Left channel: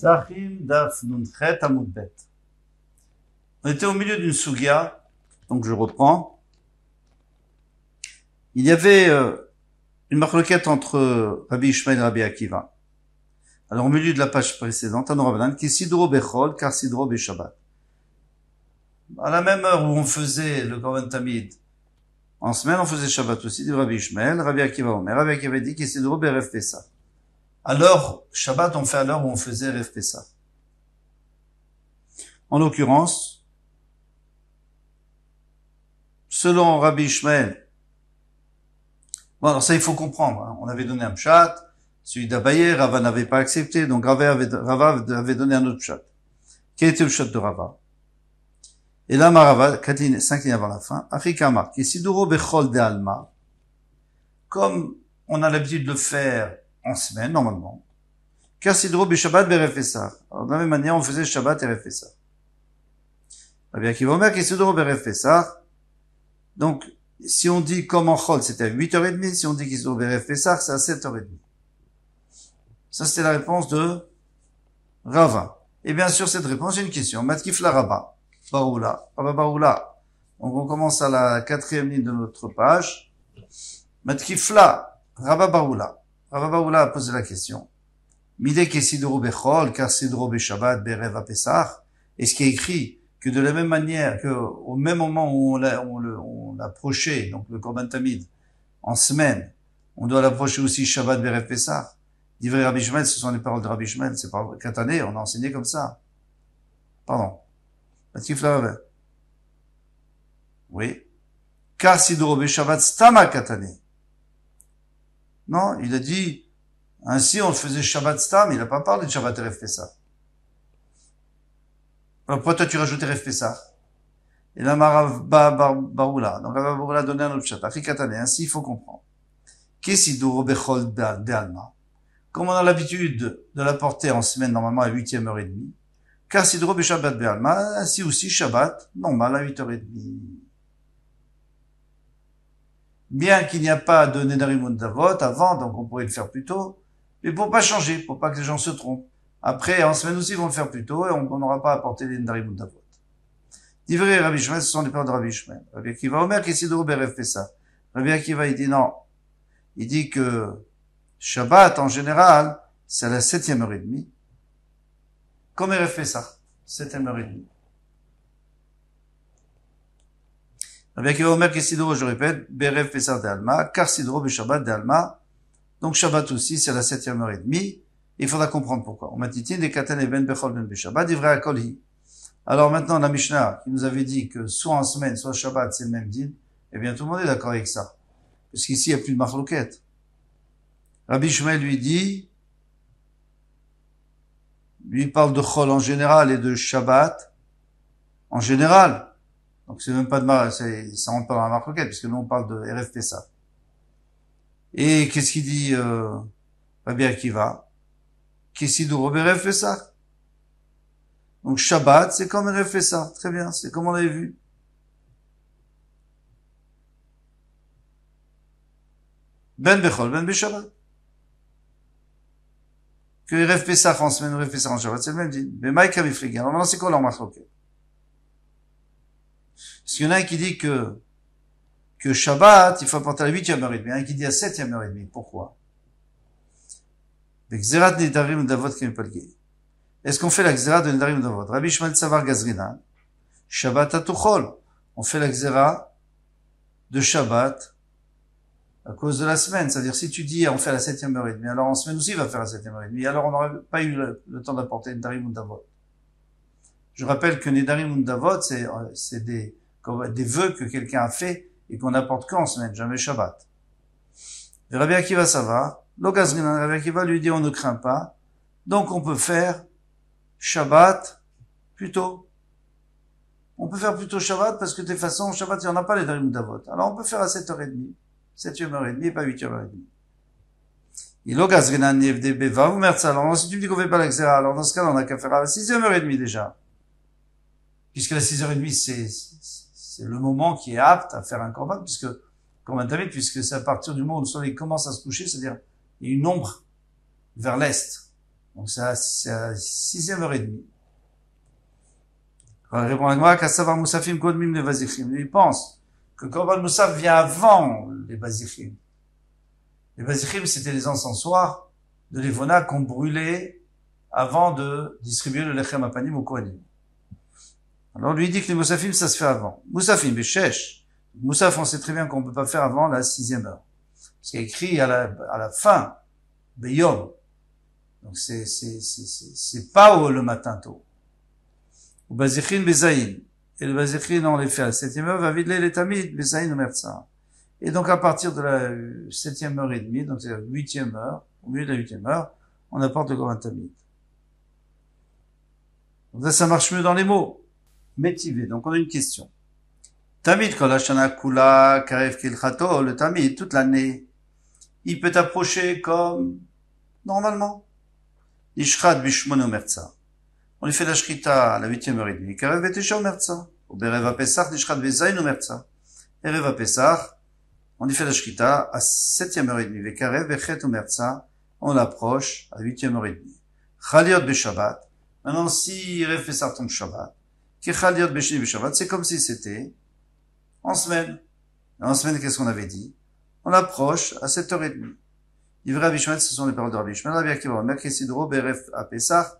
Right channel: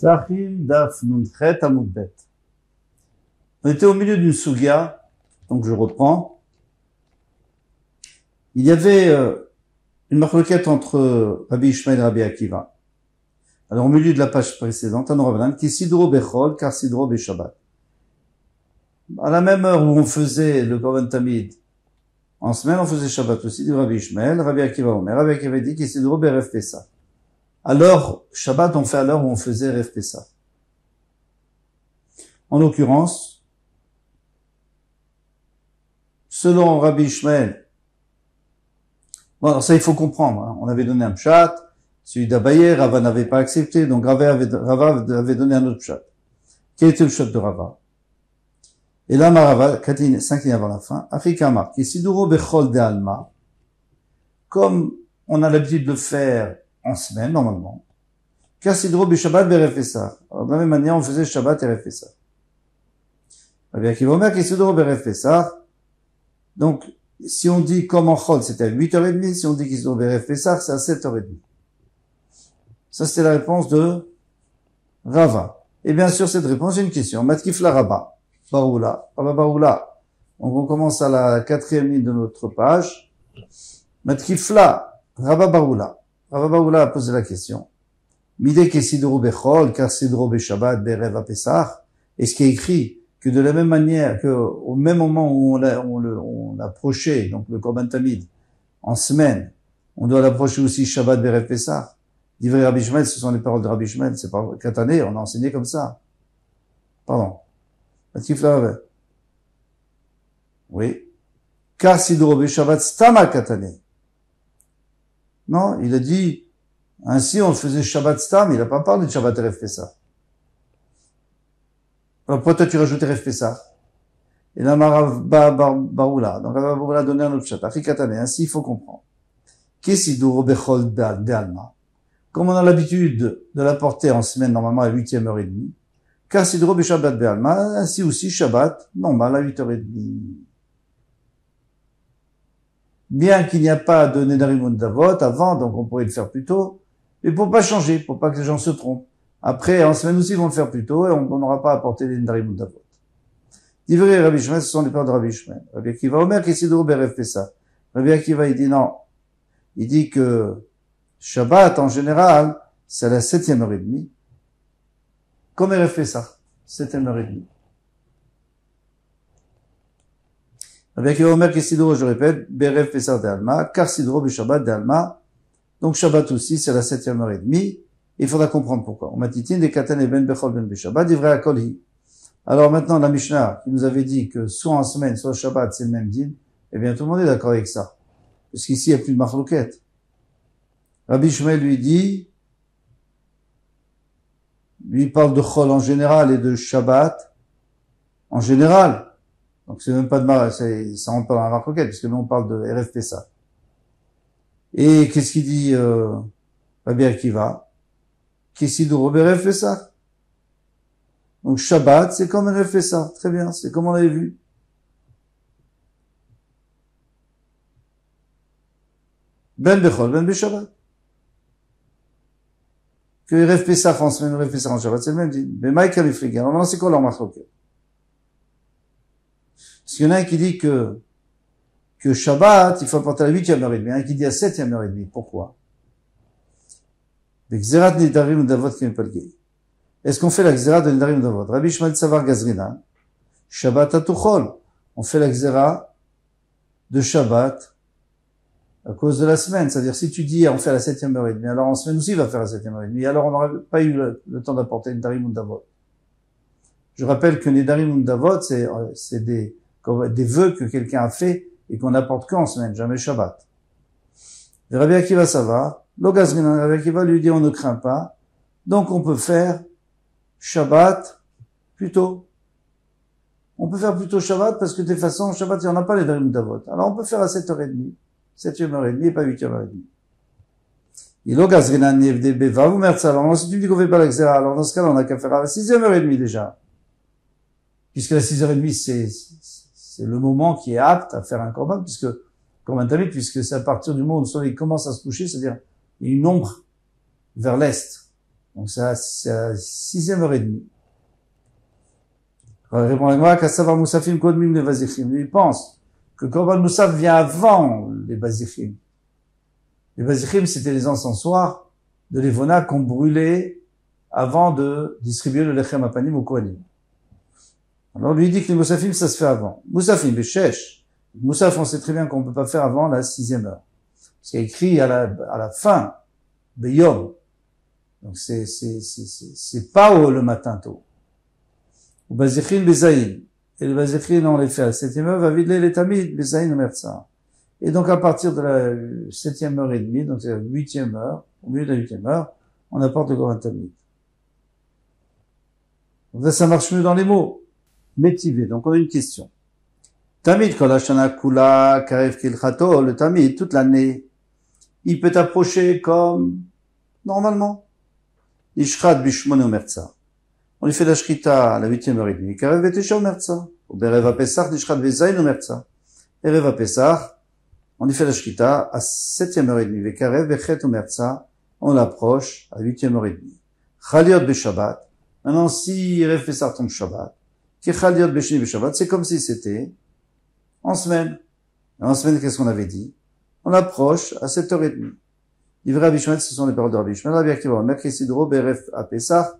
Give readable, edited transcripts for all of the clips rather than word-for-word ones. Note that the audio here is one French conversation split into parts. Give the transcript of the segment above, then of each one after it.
Pesachim Daf Nunchet Amud Bet. On était au milieu d'une sugia, donc je reprends. Il y avait une marloquette entre Rabbi Ishmael et Rabbi Akiva. Alors au milieu de la page précédente, Tanu Rabbanan, qui sidro bechol, car sidro beshabbat. À la même heure où on faisait le Korban Tamid, en semaine, on faisait Shabbat aussi, dit Rabbi Ishmael, Rabbi Akiva Omer. Rabbi Akiva dit qu'il sidro berev Pesach. Alors, Shabbat, on fait à l'heure où on faisait Rev Pesach. En l'occurrence, selon Rabbi Ishmael, bon, alors ça, il faut comprendre, hein. On avait donné un pshat, celui d'Abaye, Rava n'avait pas accepté, donc Rava avait donné un autre pshat. Quel était le pshat de Rava? Et là, Marava, 5 lignes avant la fin, Afrikama, qui siduro bechol de alma, comme on a l'habitude de le faire en semaine, normalement. Car sidro beshabbat berev Pesach. Alors, de la même manière, on faisait Shabbat et Rev Pesach. Rabbi Akiva Omer, qui sidro berev Pesach. Donc, si on dit comme en Chol, c'était à 8h30, si on dit qu'il sidro berev Pesach, c'est à 7h30. Ça, c'était la réponse de Rava. Et bien sûr, cette réponse, j'ai une question. Matkifla Rabba. Baroula. Rabba Baroula. Donc, on commence à la 4e ligne de notre page. Matkifla Rabba Baroula. Rabba Baroula a posé la question. Midé ke sidro bechol, car sidro beshabbat berev Pesach. Est-ce qu'il y a écrit que de la même manière que au même moment où on l'approchait, donc le Korban Tamid, en semaine, on doit l'approcher aussi Shabbat berev Pesach? Divrei Rabbi Ishmael, ce sont les paroles de Rabbi Ishmael, c'est pas Katané, on a enseigné comme ça. Pardon. Oui. Car sidro beshabbat stama Katané. Non, il a dit, ainsi on faisait Shabbat Stam, il n'a pas parlé de Shabbat Rev Pesach. Alors pourquoi toi tu rajoutes Rev Pesach? Et là, Baroula. Donc Rav Baroula a donné un autre chat. Afrikatane, ainsi il faut comprendre. Kesiduro bechol d'alma. Comme on a l'habitude de la porter en semaine, normalement à 8e heure et demie. Car sidro beshabbat be'alma, ainsi aussi Shabbat, normal à 8h30. Bien qu'il n'y a pas de Nedarim Davot avant, donc on pourrait le faire plus tôt, mais pour pas changer, pour pas que les gens se trompent. Après, en semaine aussi, ils vont le faire plus tôt et on n'aura pas à apporter les Nedarim Davot. Divrei Rabbi Ishmael, ce sont les paroles de Rabbi Ishmael. Rabbi Akiva Omer, qui sidro berev Pesach. Rabbi Akiva, il dit non. Il dit que Shabbat, en général, c'est à la 7e heure et demie. Comme Rev Pesach, 7e heure et demie. Rabbi Akiva Omer que sidro, je répète, berev Pesach d'Alma, car sidro beshabbat d'Alma. Donc Shabbat aussi, c'est à la 7e heure et demie. Il faudra comprendre pourquoi. On m'a dit, des katan et ben bechol ben beshabbat, divrei akolhi. Alors maintenant, la Mishnah, qui nous avait dit que soit en semaine, soit Shabbat, c'est le même din, eh bien, tout le monde est d'accord avec ça. Parce qu'ici, il n'y a plus de marloquette. Rabbi Ishmael lui parle de Chol en général et de Shabbat en général. Donc c'est même pas ça rentre pas dans la marloquette, puisque nous on parle de Rev Pesach. Et qu'est-ce qu'il dit, Rabbi Akiva? Kesiduro berev Pesach. Donc Shabbat, c'est comme Rev Pesach. Très bien, c'est comme on l'avait vu. Ben bechol, ben beshabbat. Que Rev Pesach en semaine, Rev Pesach en Shabbat, c'est le même dit. Mais Maïka Mifrigi. Alors maintenant, c'est quoi leur marloquette? Parce qu'il y en a un qui dit que Shabbat, il faut apporter à la 8e heure et demie. Un qui dit à 7e heure et demie. Pourquoi? Xerat Nedarim Davot Kemipalgei. Est-ce qu'on fait la Xerat de Nedarim Davot? Rabbi Ishmael Savar Gazrina. Shabbat Atuchol. On fait la Xerat de Shabbat à cause de la semaine. C'est-à-dire, si tu dis, on fait à la 7e heure et demie, alors en semaine aussi, il va faire à la 7e heure et demie. Alors, on n'aurait pas eu le temps d'apporter Nedarim Davot. Je rappelle que Nedarim Davot, c'est des vœux que quelqu'un a fait et qu'on n'apporte qu'en semaine, jamais Shabbat. Et Rabbi Akiva Savar, Logazrinan, Rabbi Akiva lui dit on ne craint pas, donc on peut faire Shabbat plus tôt. On peut faire plutôt Shabbat parce que de toute façon, Shabbat, il n'y en a pas les Nedarim Davot. Alors on peut faire à 7h30, 7e heure et demie et pas 8h et demie. Et Logazrinan Nevdebe va vous mettre ça. Alors si tu me dis qu'on fait pas l'Axera, alors dans ce cas-là, on n'a qu'à faire à la 6e heure et demie déjà. Puisque la 6h30, c'est le moment qui est apte à faire un korban, puisque c'est à partir du moment où le soleil commence à se coucher, c'est-à-dire, il y a une ombre vers l'est. Donc c'est à 6e heure et demie. Répond la Gemara, Kassavar Moussafim Kodmim le Vazichim. Lui, il pense que Korban Moussaf vient avant les Vazichim. Les Vazichim, c'était les encensoirs de l'Evona qu'on brûlait avant de distribuer le Lechem Apanim au Kohanim. Alors lui, il dit que les Moussafim, ça se fait avant. Moussafim, Beshesh. Moussaf, on sait très bien qu'on ne peut pas faire avant la 6e heure. Parce qu'il y a écrit à la fin, Beyom. Donc c'est pas le matin tôt. Ou Bazichin Bezaïn. Et le Bazichin, on les fait à la 7e heure, va vider les Tamid, Bezaïn Omertsa. Et donc à partir de la 7e heure et demie, donc c'est la 8e heure, au milieu de la 8e heure, on apporte le Korban Tamid. Donc là, ça marche mieux dans les mots. Métivé. Donc on a une question. Tamid kol hashana kula karev kilchato, le Tamid, toute l'année, il peut approcher comme normalement. Ishrat bishmon omertsa. On lui fait la shrita à la 8e heure et demie. Karev betesha omertsa. Ou bereva pesach nishrat bezayin omertsa. Ereva pesach, on lui fait la shrita à 7e heure et demie. Vekarev bechet omertsa, on l'approche à 8e heure et demie. Chaliot beshabbat. Maintenant, si Erev pesach tombe Shabbat, ki chaliot beshni beshabbat, c'est comme si c'était en semaine. Et en semaine, qu'est-ce qu'on avait dit? On l'approche à 7h30. Divrei Rabbi Ishmael, ce sont les paroles de Rabbi Ishmael. Rabbi Akiva, Merkesidro, Beref, à Pessah.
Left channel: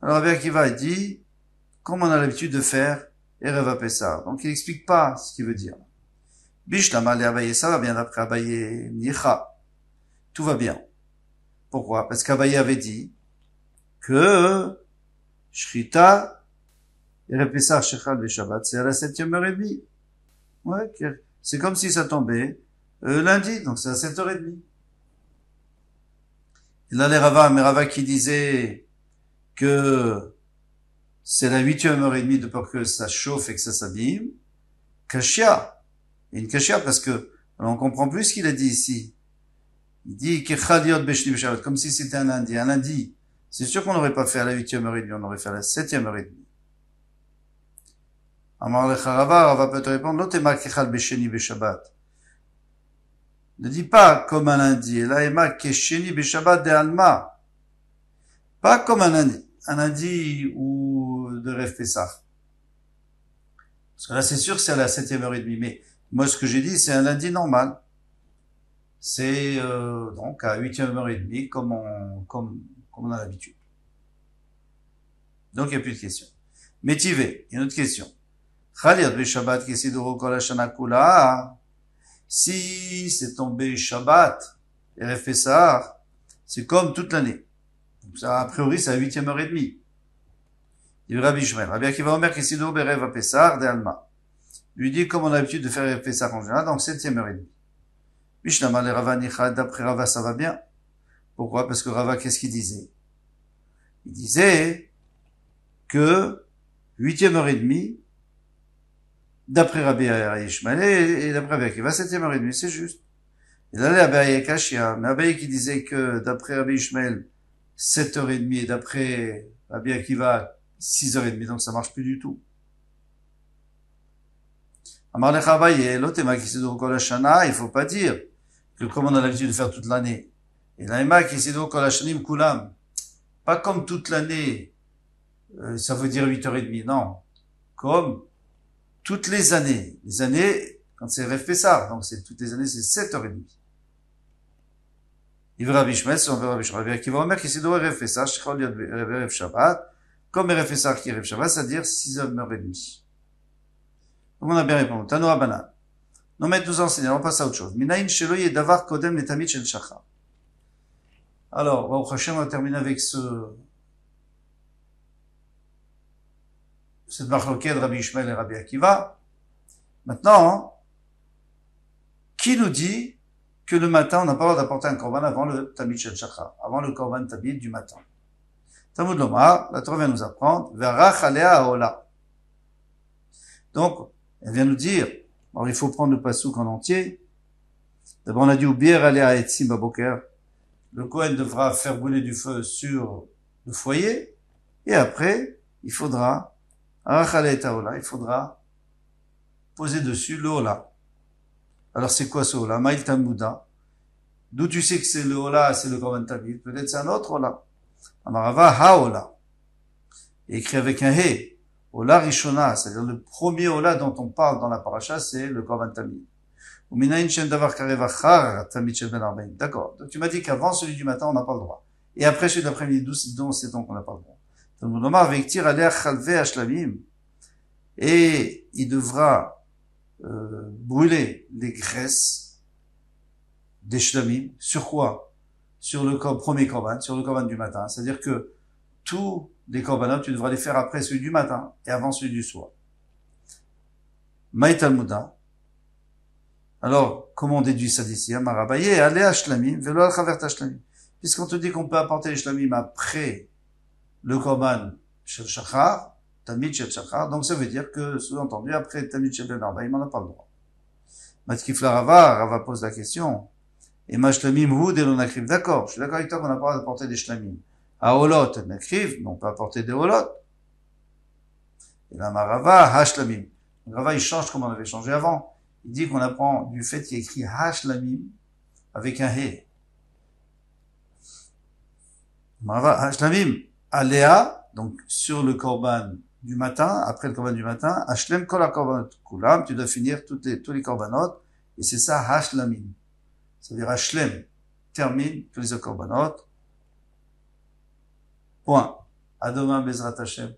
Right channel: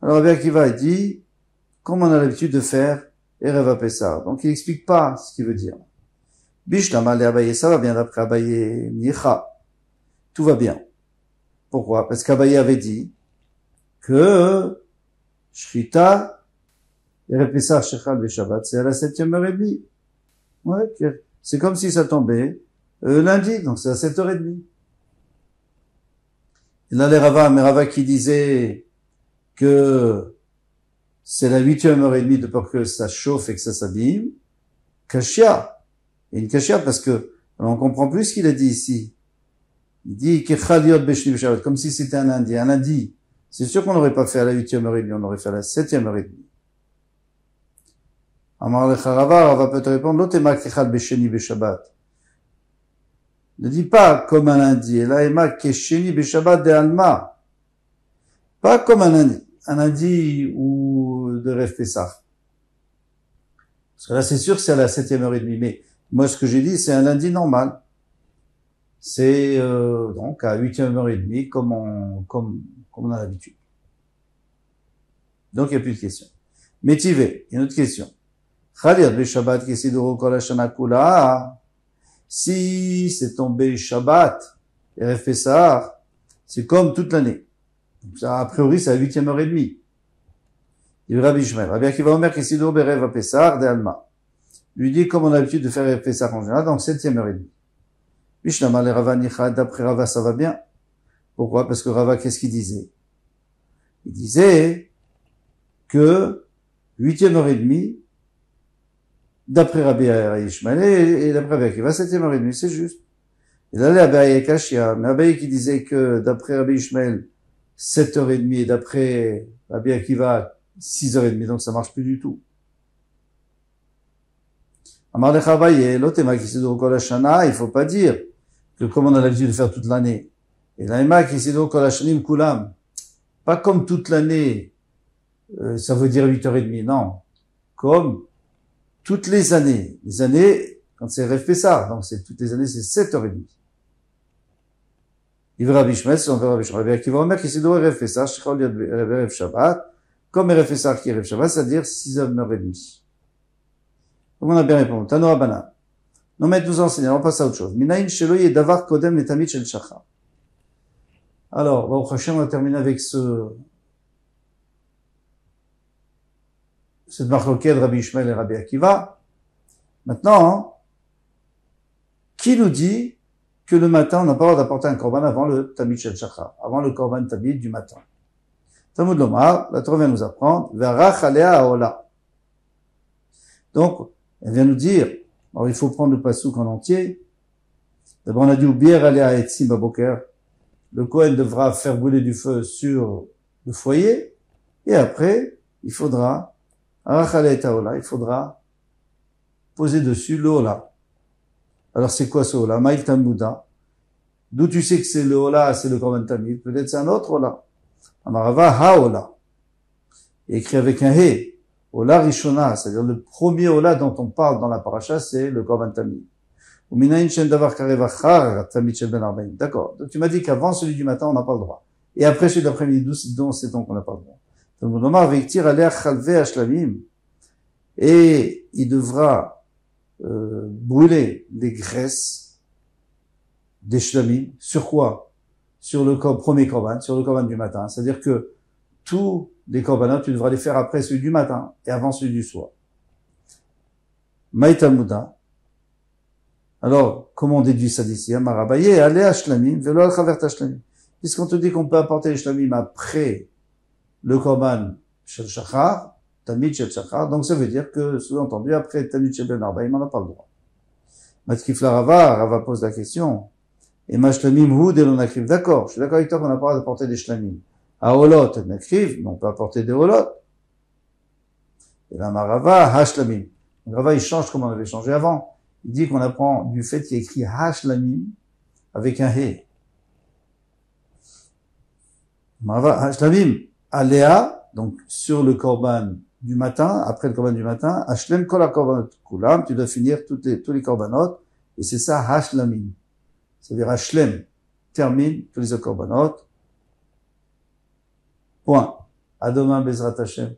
Alors Rabbi Akiva, il dit, comme on a l'habitude de faire, Erev à Pessah. Donc il n'explique pas ce qu'il veut dire. Bishlama, le Abaye, ça va bien d'après Abaye, Nicha. Tout va bien. Pourquoi? Parce qu'Abaye avait dit que Shrita, Erev Pessah, Shechal, Veshabbat, c'est à la 7e heure et demie. Ouais, c'est comme si ça tombait lundi, donc c'est à 7h30. Et là, les Rava qui disaient que c'est la 8e heure et demie de peur que ça chauffe et que ça s'abîme. Kashia. Et une kashia parce que, alors on comprend plus ce qu'il a dit ici. Il dit, comme si c'était un lundi. Un lundi. C'est sûr qu'on n'aurait pas fait à la 8e heure et demie, on aurait fait à la 7e heure et demie. Amar lecha Rava peut te répondre, l'otema kechal besheni beshabbat. Ne dis pas comme un lundi, et là, ema kesheni beshabbat de alma. Pas comme un lundi ou de Rev Pesach. Parce que là, c'est sûr que c'est à la 7e heure et demie, mais moi, ce que j'ai dit, c'est un lundi normal. C'est, donc, à 8e heure et demie, comme on a l'habitude. Donc, il n'y a plus de questions. Métivé, il y a une autre question. Chaliot beshabbat kesidoro kol hashana kula. Si c'est tombé Shabbat, Erev Pesach, c'est comme toute l'année. Donc ça, a priori, c'est à 8e heure et demie. Il dit Rabbi Ishmael. Rabbi Akiva Omer kesidoro berev Pesach de Alma. Lui dit comme on a l'habitude de faire Erev Pesach en général, donc 7e heure et demie. Mishnama le Rava Nicha, d'après Rava, ça va bien. Pourquoi? Parce que Rava, qu'est-ce qu'il disait? Il disait que 8e heure et demie, d'après Rabbi Ishmael et d'après Rabbi Akiva, 7e heure et demie, c'est juste. Et là, Abaye Kashia, mais Abaye qui disait que d'après Rabbi Ishmael, 7h30 et d'après Rabbi Akiva, 6h30, donc ça marche plus du tout. Amar lecha Abaye, l'otema qui sidor kol hashana, il faut pas dire que comme on a l'habitude de faire toute l'année. Et l'aima qui sidor kol hashanim kulam. Pas comme toute l'année, ça veut dire 8h30, non. Comme toutes les années. Les années, quand c'est Rev Pesach, donc c'est toutes les années, c'est 7h30. Il verra Bishmet, on verra Bishmet, qui va omer, qui s'est donné Rev Pesach, Shechol Yod Rev Shabbat, comme Rev Pesach qui est Rev Shabbat, c'est-à-dire 6h30. Donc on a bien répondu. Tano Abanan. Non, mais nous enseigner, on passe à autre chose. Minaïn Shelo Yedavar Kodem Letamid Shel Shachar. Alors, Baruch Hashem, on va terminer avec cette marloquette de Rabbi Ishmael et Rabbi Akiva. Maintenant, qui nous dit que le matin, on n'a pas le droit d'apporter un korban avant le Tamid Shel Shachar, avant le korban Tamid du matin? Talmud Lomar, la Torah vient nous apprendre, Verach Alea Haola. Donc, elle vient nous dire, alors il faut prendre le pasouk en entier. D'abord, on a dit, Ubier Alea Etzim Baboker. Le Kohen devra faire brûler du feu sur le foyer, et après, il faudra il faudra poser dessus le hola. Alors c'est quoi ce hola? Maïl Talmuda. D'où tu sais que c'est le hola, c'est le korban tamid? Peut-être c'est un autre hola. Amarava haola. Écrit avec un he. Ola rishona, c'est-à-dire le premier ola dont on parle dans la paracha, c'est le korban tamid. Uminayin shen davar karev achar tamid shel ben arbaim. D'accord. Donc tu m'as dit qu'avant celui du matin, on n'a pas le droit. Et après celui de l'après-midi, dont c'est donc qu'on n'a pas le droit. Talmud Omar veiktir aleh chalve ashlavim. Et il devra brûler les graisses des shlamim. Sur quoi? Sur le premier korban, sur le korban du matin. C'est-à-dire que tous les korbanot, tu devras les faire après celui du matin et avant celui du soir. Maï Talmuda. Alors, comment on déduit ça d'ici? Marabaye, allez à shlamim, velo al chavert shlamim. Puisqu'on te dit qu'on peut apporter les shlamim après le korban shel shachar, tamid shel shachar, donc ça veut dire que, sous-entendu, après tamid shel ben arbaim, on n'a pas le droit. Matkifla Rava pose la question. Et ma shlamim hu de l'onakriv. D'accord, je suis d'accord avec toi qu'on n'a pas le droit d'apporter des shlamim. À olot, nakriv, mais on peut apporter des olot. Et là, marava, hashlamim. Rava, il change comme on avait changé avant. Il dit qu'on apprend du fait qu'il y a écrit hashlamim avec un he. Marava, hashlamim, aléa, donc sur le korban du matin, après le korban du matin, hashlem kol ha-korbanot kulam, tu dois finir tous les korbanot, et c'est ça hashlamim. C'est-à-dire hashlem, termine tous les korbanot. Point. À demain, Bezrat Hashem.